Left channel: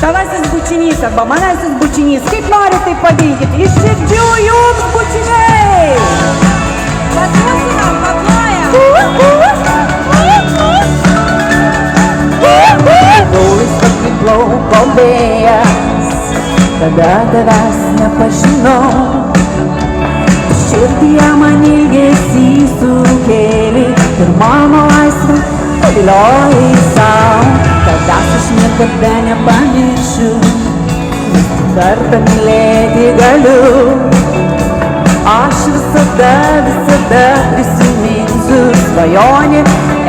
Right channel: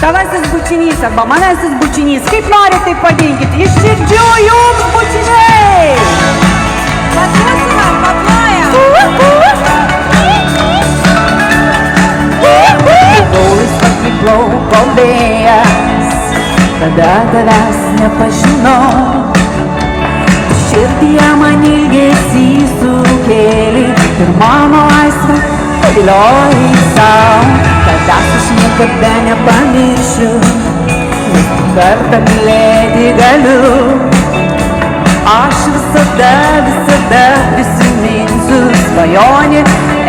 Tavasis bučinys arba manasis bučinys, kaip norit, taip padinkit, iš širdžių jums bučiniai! Patrusinam, paplojam! Paulius pakiplauko vėjas, tada tavęs nepažinau. Širdyje man ilgesį sukėlė ir mano laisvę paviliojai sau. Tavęs aš niekada nepamiršiu, nes tik kartą mylėti galiu. Aš visada prisiminsiu svajonę,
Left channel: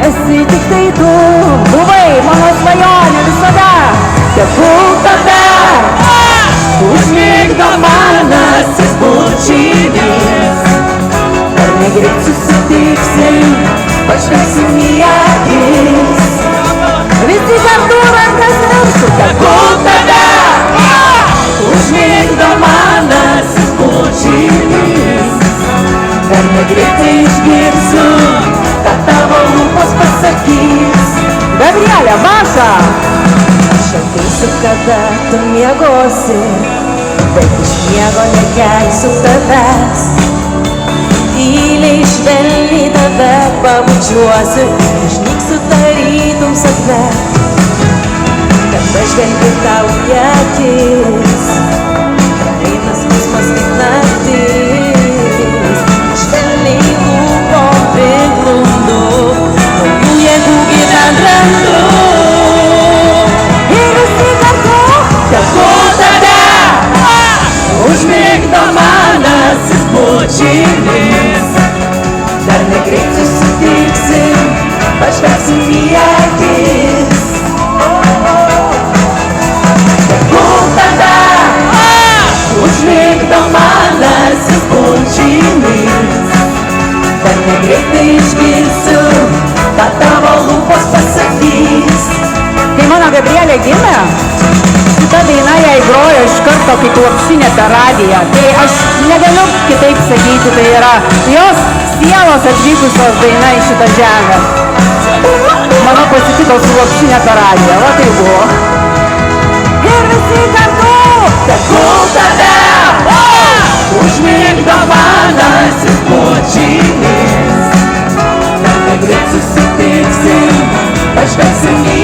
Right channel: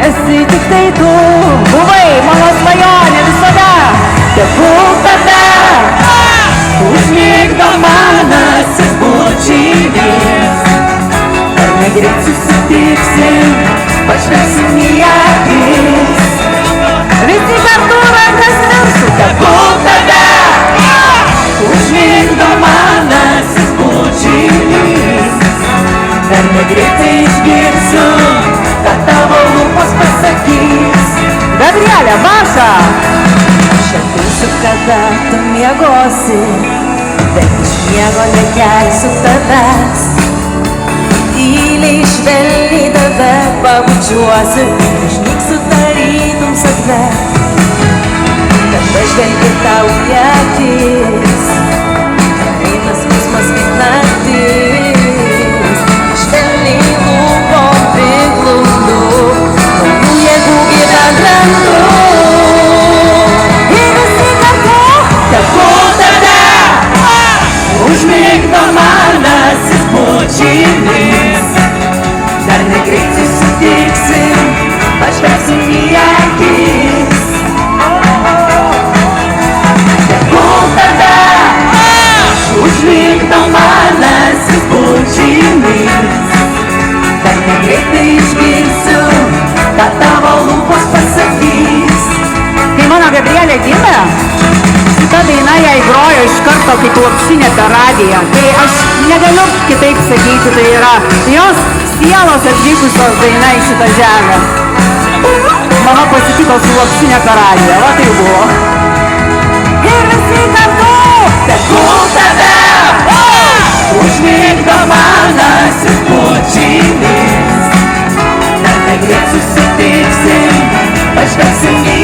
esi tik tai tu. Buvai mano svajonė visada, tegul tave užmigdo manasis bučinis. Ar negreit susitiksim, pažvelgsim į akis. Visi kartu rankas mirsiu, tegul tave užmigdo manasis bučinis. Dar negreitai išgirsiu, kad tavo lūpos pasakys. Gabrielė, Maša! Aš ateisiu, kada tu miegosi, bet iš miego nekelsiu tavęs. Tyliai švelniai tave pabučiuosiu, išnyksiu tarytum sapne. Kad pažvelgiu tau į akis, eina skausmas kaip naktis. Švelniai lūpom priglundu, naujų jėgų gyvent randu. Ir visi kartu, tegul tave užmigdo manasis bučinis. Dar negreit susitiksim, pažvelgsim į akis. Tegul tave užmigdo manasis bučinis. Dar negreitai išgirsiu, kad tavo lūpos pasakys. Kai mano Gabrielė gimė, šita daina jai grojo iš karto kaip lopšinė per radiją. Tai aš negaliu kitaip sakyti, tai yra jos sielos atvykusios daina į šitą žemę. Mama pasitiko su lopšinė per radiją, va tai buvo. Ir visi kartu, tegul tave užmigdo manasis bučinis. Dar negreit susitiksim, pažvelgsim į